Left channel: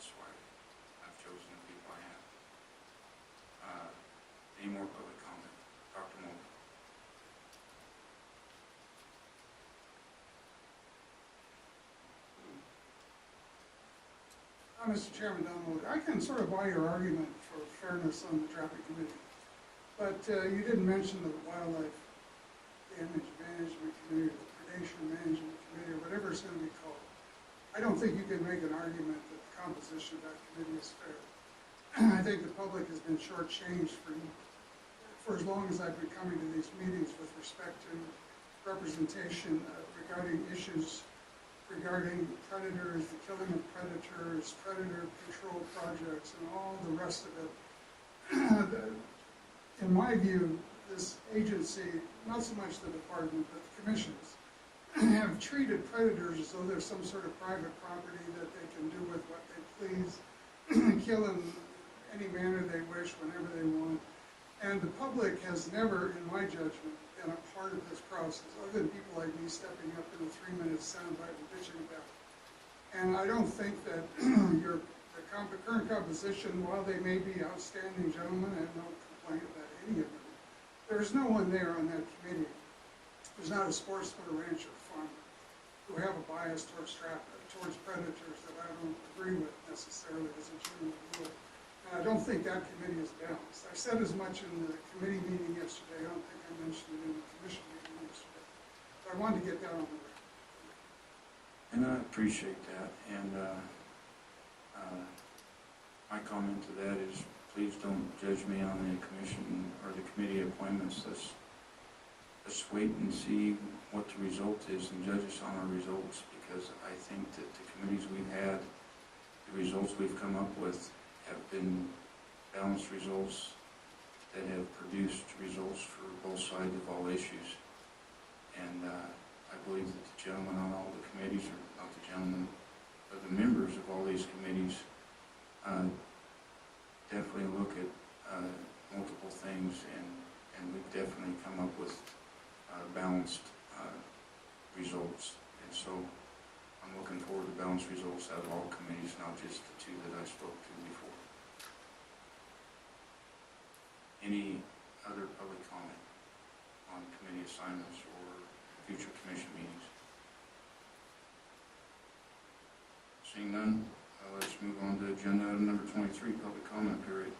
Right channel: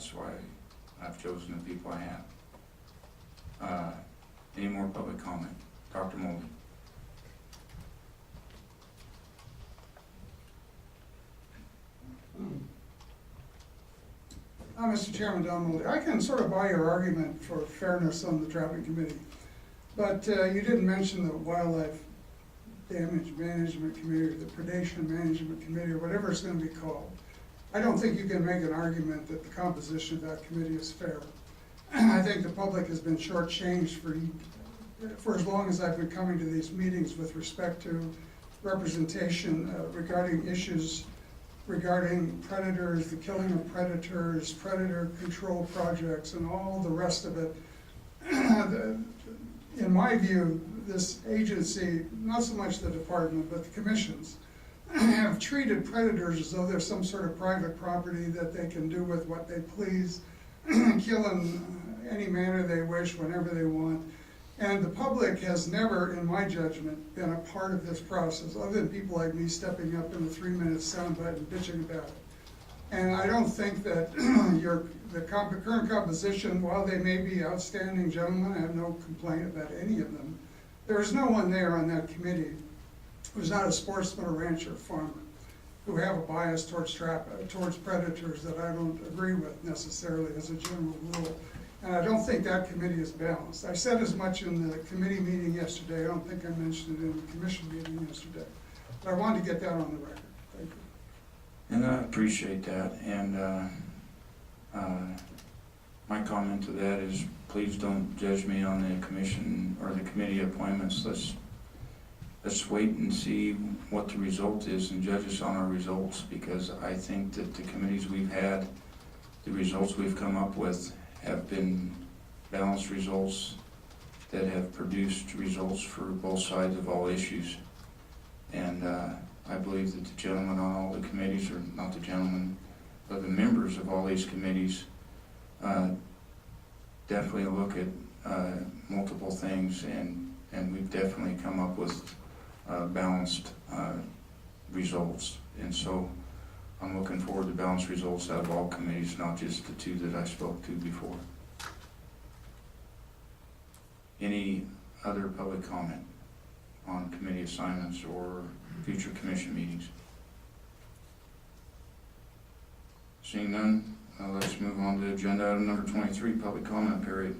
that's why I've chosen the people I have. Any more public comment? Dr. Mulvey. Mr. Chairman, Don Mulvey, I can sort of buy your argument for fairness on the traffic committee, but you didn't mention the wildlife damage management committee or the predation management committee or whatever it's going to be called. I don't think you can make an argument that the composition of that committee is fair. I think the public has been shortchanged for as long as I've been coming to these meetings with respect to representation regarding issues regarding predators, the killing of predators, predator control projects, and all the rest of it. In my view, this agency, not so much the department, but the commissions, have treated predators as though they're some sort of private property that they can do with what they please, kill in any manner they wish, whenever they want. And the public has never, in my judgment, been a part of this process, other than people like me stepping up in the 3-minute soundbite and bitching about it. And I don't think that the current composition, while they may be outstanding gentlemen, I have no complaint about any of them, there is no one there on that committee who's not a sportsman or rancher or farmer, who have a bias towards predators that I don't agree with necessarily as a general rule. And I don't think that committee is balanced. I said as much in the committee meeting yesterday. I don't think I mentioned it in the commission meeting yesterday. But I wanted to get that on the record. Thank you. And I appreciate that. And my comment to that is, please don't judge me on the commission or the committee appointments. Let's wait and see what the result is and judge us on our results, because I think that the committees we've had, the results we've come up with have been balanced results that have produced results for both sides of all issues. And I believe that the gentlemen on all the committees, or not the gentlemen, but the members of all these committees definitely look at multiple things, and we've definitely come up with balanced results. And so I'm looking forward to balanced results out of all committees, not just the two that I spoke to before. Any other public comment on committee assignments or future commission meetings? Seeing none, let's move on to agenda item number 23, public comment period.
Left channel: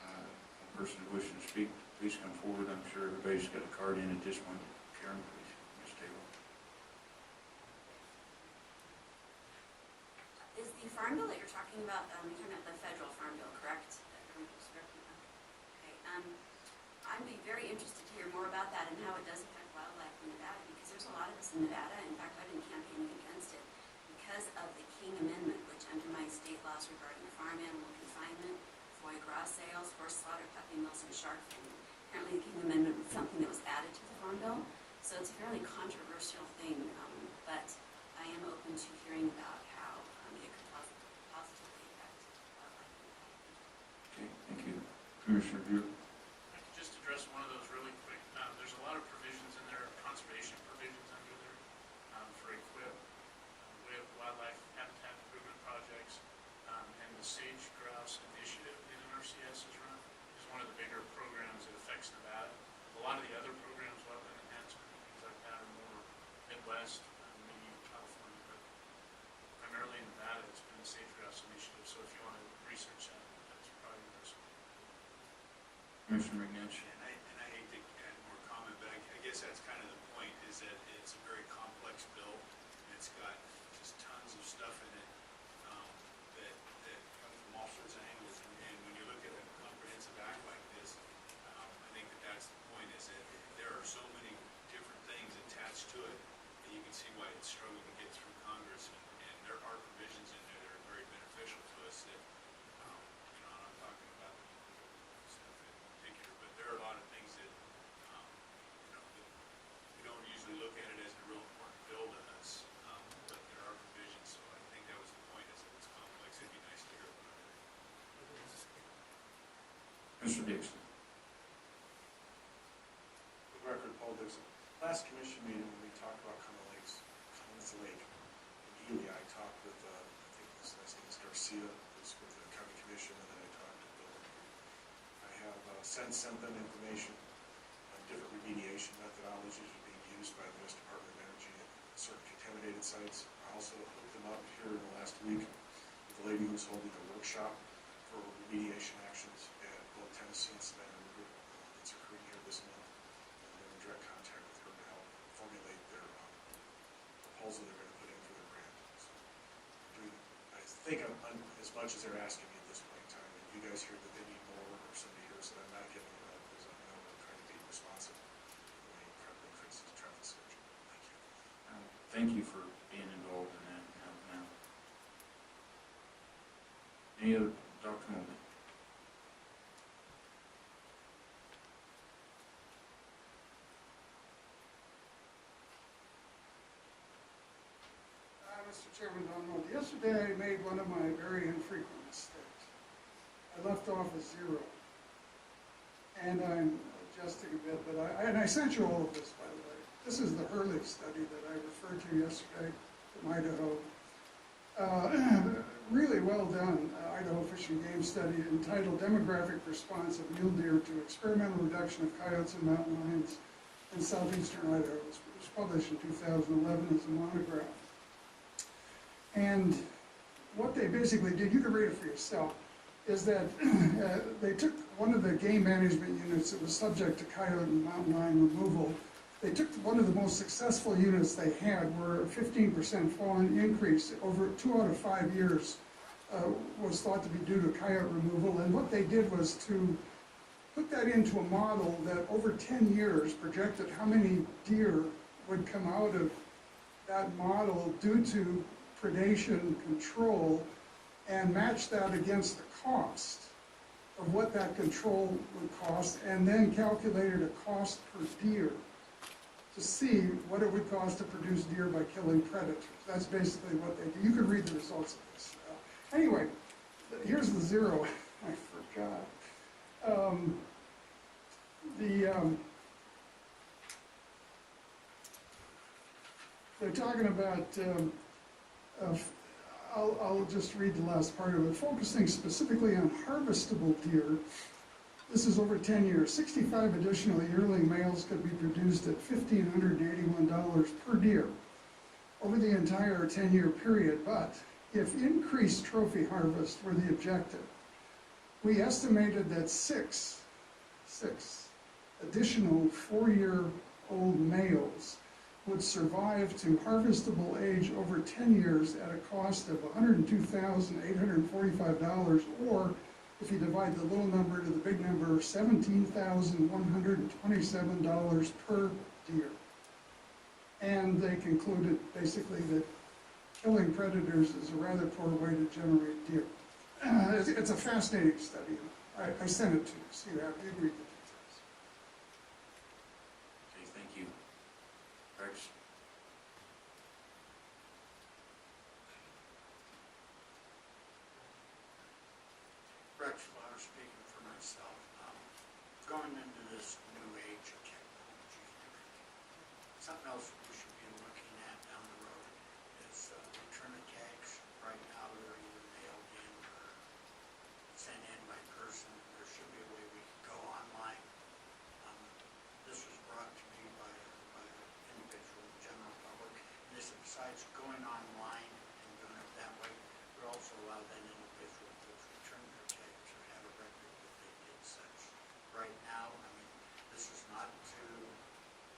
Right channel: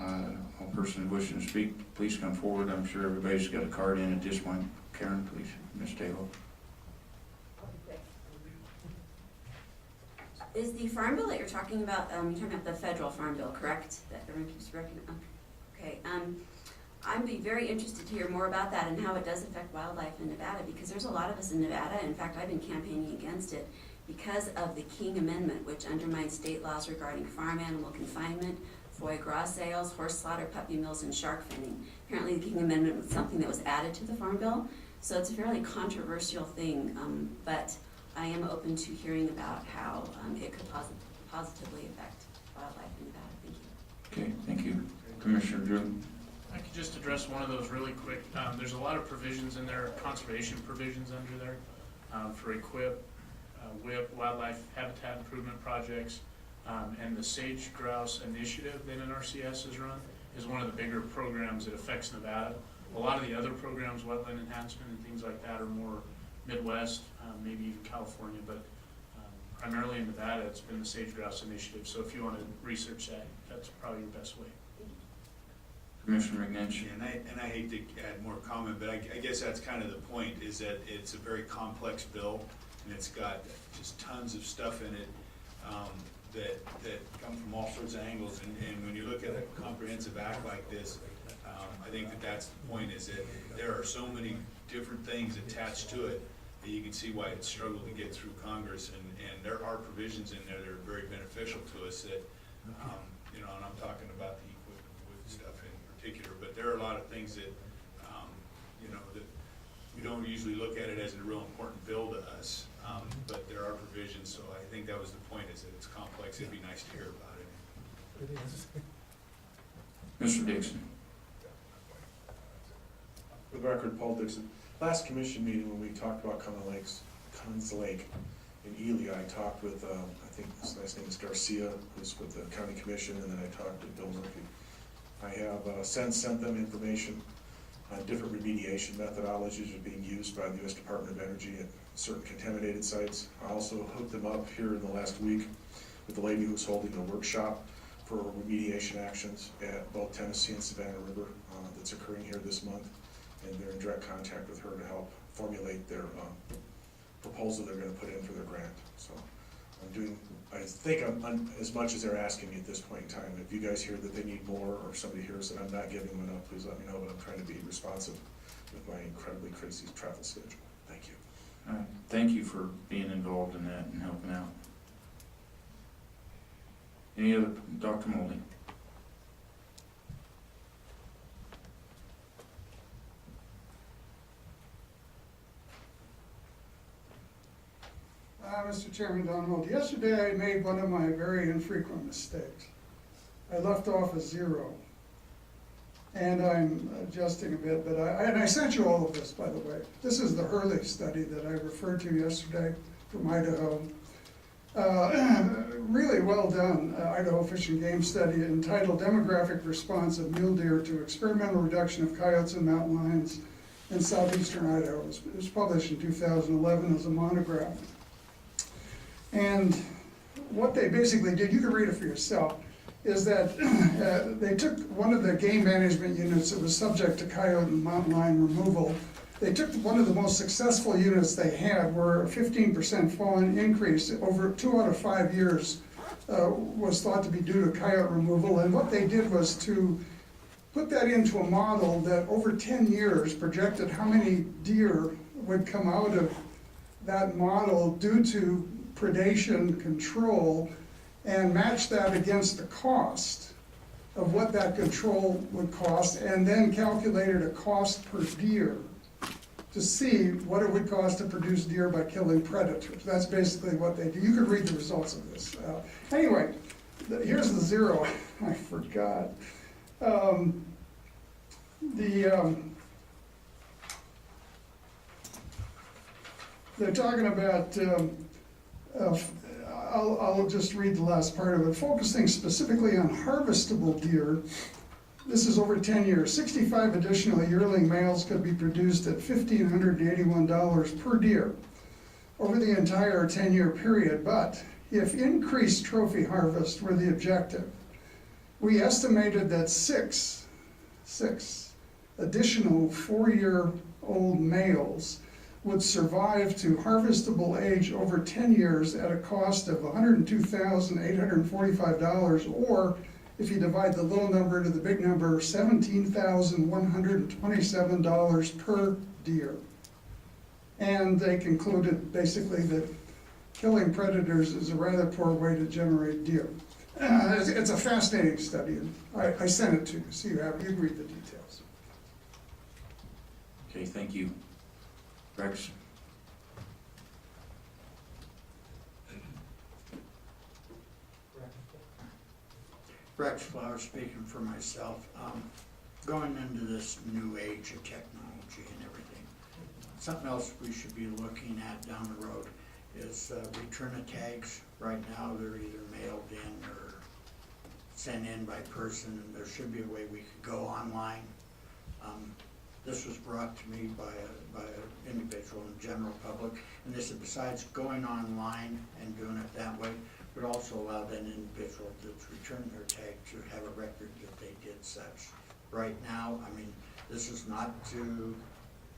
All person wishing to speak, please come forward. I'm sure everybody's got a card in at this point. Karen, please. Ms. Taylor. Is the farm bill that you're talking about the federal farm bill, correct? That everyone keeps working on. Okay. I'd be very interested to hear more about that and how it does affect wildlife in Nevada, because there's a lot of us in Nevada. In fact, I've been campaigning against it because of the King Amendment, which undermines state laws regarding farm animal confinement, foie gras sales, horse slaughter, puppy mills, and shark finning. Apparently, the King Amendment was something that was added to the farm bill, so it's a fairly controversial thing. But I am open to hearing about how it could positively affect wildlife in Nevada. Thank you. Okay, thank you. Commissioner Drew. I could just address one of those really quick. There's a lot of provisions in there, conservation provisions under there for EQIP, WIP, wildlife habitat improvement projects, and the sage grouse initiative that NRCS has run is one of the bigger programs that affects Nevada. A lot of the other programs, wetland enhancement and things like that, are more Midwest, maybe even California, but primarily in Nevada, it's been the sage grouse initiative. So if you want to research that, that's probably your best way. Commissioner Ignatius. And I hate to add more comment, but I guess that's kind of the point, is that it's a very complex bill, and it's got just tons of stuff in it that come from all sorts of angles. And when you look at a comprehensive act like this, I think that's the point, is that there are so many different things attached to it that you can see why it's struggled to get through Congress. And there are provisions in there that are very beneficial to us that, and I'm talking about the stuff in particular, but there are a lot of things that, that we don't usually look at it as a real important bill to us, but there are provisions. So I think that was the point, is that it's complex. It'd be nice to hear about it. Mr. Dixon. For the record, Paul Dixon. Last commission meeting when we talked about Con's Lake in Ely, I talked with, I think his last name is Garcia, who's with the county commission, and then I talked to Bill Murphy. I have sent them information on different remediation methodologies are being used by the U.S. Department of Energy at certain contaminated sites. I also hooked them up here in the last week with the lady who's holding a workshop for remediation actions at both Tennessee and Savannah River that's occurring here this month. And they're in direct contact with her to help formulate their proposal they're going to put in for their grant. So I'm doing, I think I'm as much as they're asking me at this point in time. If you guys hear that they need more, or somebody hears that I'm not giving them enough, please let me know, but I'm trying to be responsive with my incredibly crazy travel schedule. Thank you. Thank you for being involved in that and helping out. Any other, Dr. Moldy? Mr. Chairman, Don Mold, yesterday I made one of my very infrequent mistakes. I left off a 0. And I'm adjusting a bit, but I sent you all of this, by the way. This is the Hurley study that I referred to yesterday from Idaho. Really well done, Idaho Fish and Game Study entitled Demographic Response of Mule Deer to Experimental Reduction of Coyotes and Mountain Lions in Southeastern Idaho. It was published in 2011 as a monograph. And what they basically did, you can read it for yourself, is that they took one of the game management units that was subject to coyote and mountain lion removal. They took one of the most successful units they had, where a 15% falling increase over 2 out of 5 years was thought to be due to coyote removal. And what they did was to put that into a model that over 10 years projected how many deer would come out of that model due to predation control, and match that against the cost of what that control would cost, and then calculated a cost per deer to see what it would cost to produce deer by killing predators. That's basically what they do. You could read the results of this. Anyway, here's the 0. I forgot. They're talking about I'll just read the last part of it. Focusing specifically on harvestable deer, this is over 10 years. 65 additional yearling males could be produced at $1,581 per deer over the entire 10-year period. But if increased trophy harvest were the objective, we estimated that six additional 4-year-old males would survive to harvestable age over 10 years at a cost of $102,845, or if you divide the little number into the big number, $17,127 per deer. And they concluded basically that killing predators is a rather poor way to generate deer. It's a fascinating study. I sent it to you, so you read the details. Okay, thank you. Rex? Rex Flower speaking for myself. Going into this new age of technology and everything, something else we should be looking at down the road is return of tags. Right now they're either mailed in or sent in by person. There should be a way we could go online. This was brought to me by an individual in the general public, and they said besides going online and doing it that way, would also allow that individual that's returned their tag to have a record that they did such. Right now, I mean, this is not to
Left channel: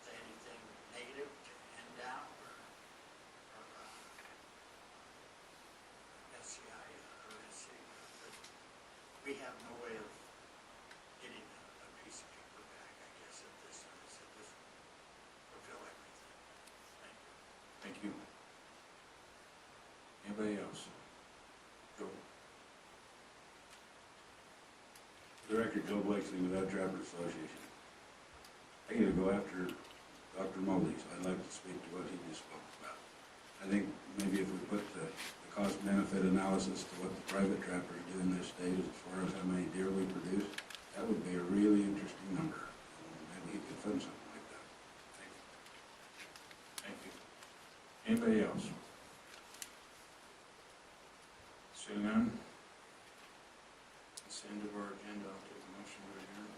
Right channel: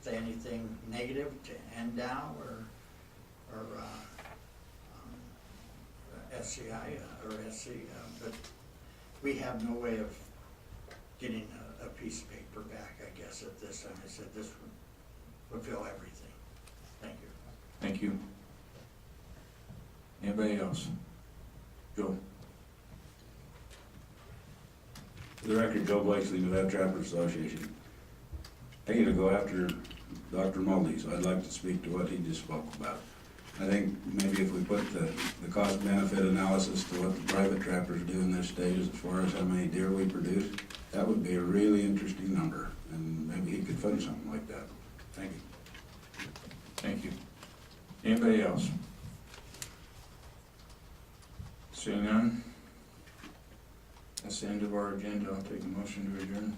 say anything negative to NDOW or SCI or SC, but we have no way of getting a piece of paper back, I guess, at this time. I said this would fulfill everything. Thank you. Thank you. Anybody else? Joe? For the record, Joe Wasley with that Trapper Association. I get to go after Dr. Mully, so I'd like to speak to what he just spoke about. I think maybe if we put the cost-benefit analysis to what the private trappers do in this state as far as how many deer we produce, that would be a really interesting number, and maybe he could fund something like that. Thank you. Thank you. Anybody else? Seeing none? That's the end of our agenda. I'll take a motion to adjourn.